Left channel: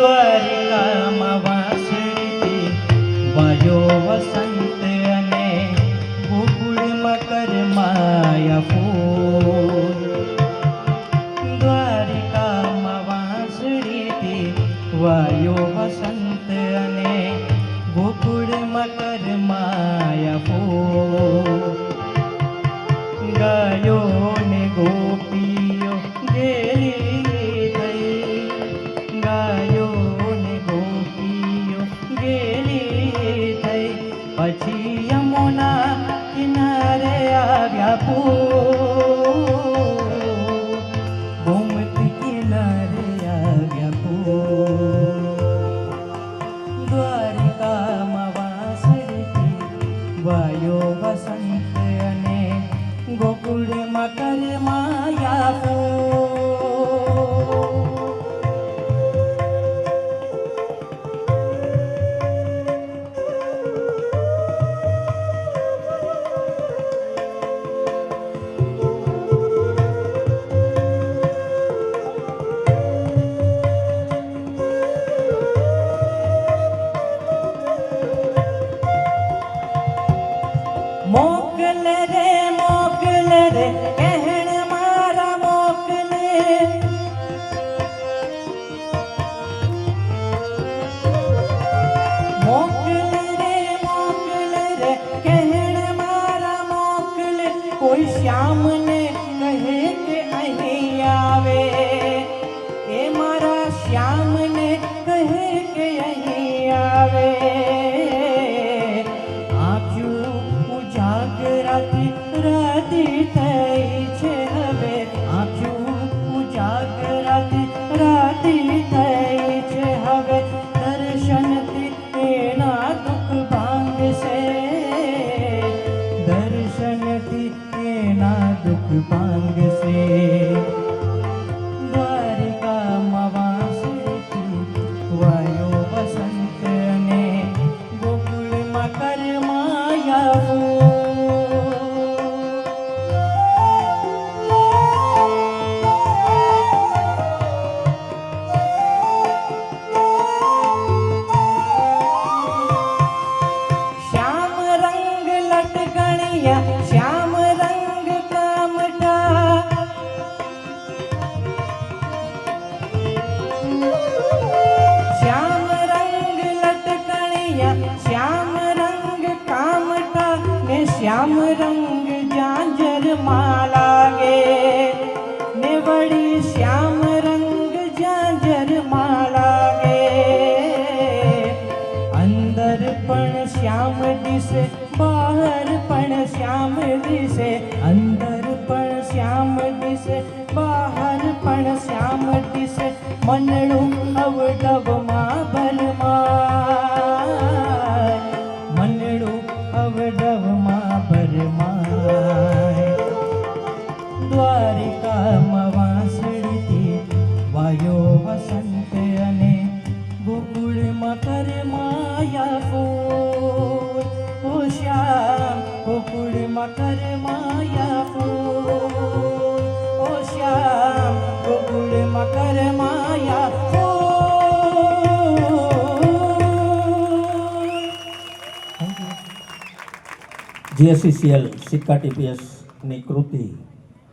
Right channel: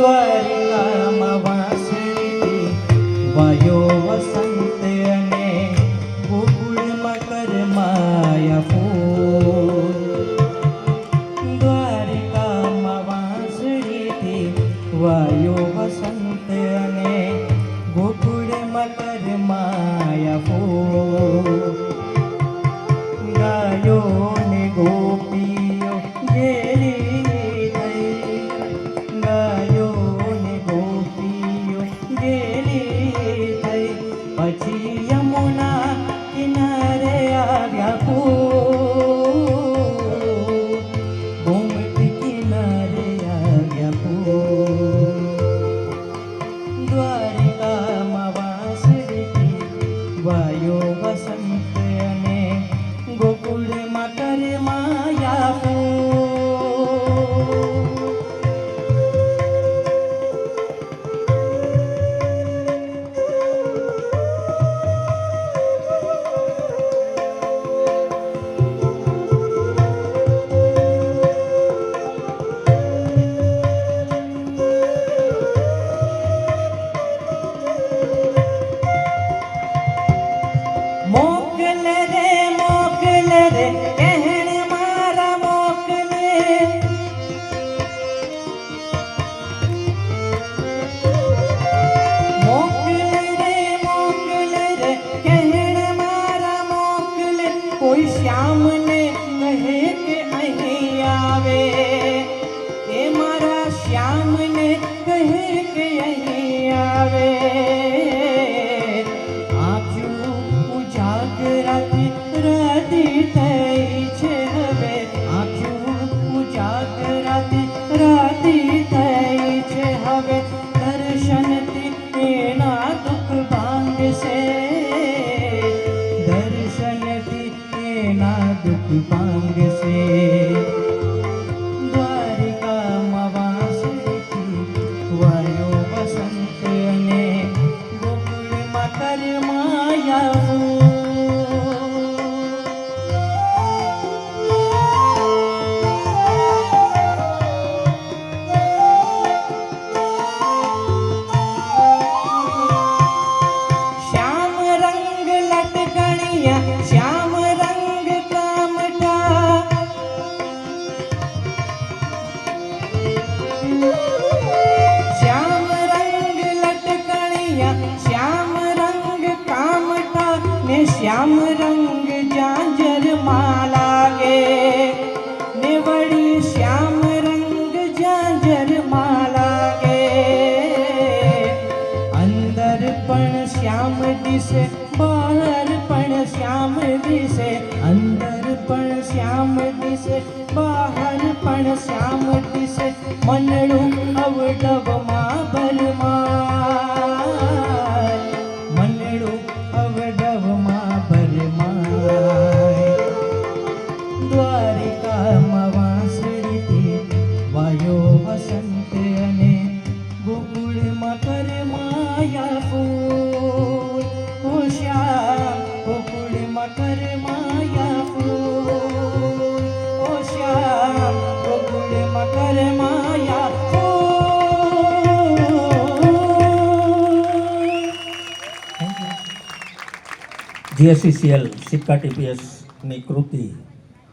દ્વારિકામાં વાસળી વાયો વસંત અને ગોકુળમાં કરમાયા ફૂલ. દ્વારિકામાં વાસળી વાયો વસંત અને ગોકુળમાં કરમાયા ફૂલ. ગાયો ને ગોપીઓ ગેલી થઈ, ગાયો ને ગોપીઓ ગેલી થઈ, પછી યમુના કિનારે આવ્યા ફૂલ. ગોમતી કિનારે આવ્યા ફૂલ. દ્વારિકામાં વાસળી વાયો વસંત અને ગોકુળમાં કરમાયા ફૂલ. મોકલ રે કહેણ મારા મોકલે, મોકલ રે કહેણ મારા મોકલે. કોઈ શ્યામને કહે કે અહીં આવે, એ મારા શ્યામને કહે કે અહીં આવે. રાતી થઈ છે હવે, આંખ્યું ઉજાગરાતી રાતી થઈ છે હવે. દર્શનથી એના દુઃખ ભાંગશે, દર્શનથી એના દુઃખ ભાંગશે. દ્વારિકામાં વાસળી વાયો વસંત અને ગોકુળમાં કરમાયા ફૂલ. શ્યામ રંગ કામઠા, શ્યામ રંગ લટકણિયા, શ્યામ રંગ કામઠા ને શ્યામ રંગ ઝાંઝરમાં લાગે ને વળી શ્યામ રંગ ઝાંઝરમાં લાગે. અંદર પણ શ્યામ દિશે, બહાર પણ શ્યામ દિશે, અંદર પણ શ્યામ દિશે, બહાર પણ શ્યામ દિશે. મનડું અવડવમાં ભરમાય, મનડું અવડવમાં ભરમાય. દ્વારિકામાં વાસળી વાયો વસંત અને ગોકુળમાં કરમાયા ફૂલ. ઓ શ્યામ ગોકુળમાં કરમાયા ફૂલ. ઓ શ્યામ ગોકુળમાં કરમાયા ફૂલ. GSCCL સિક્કા TPS ની કૃતિ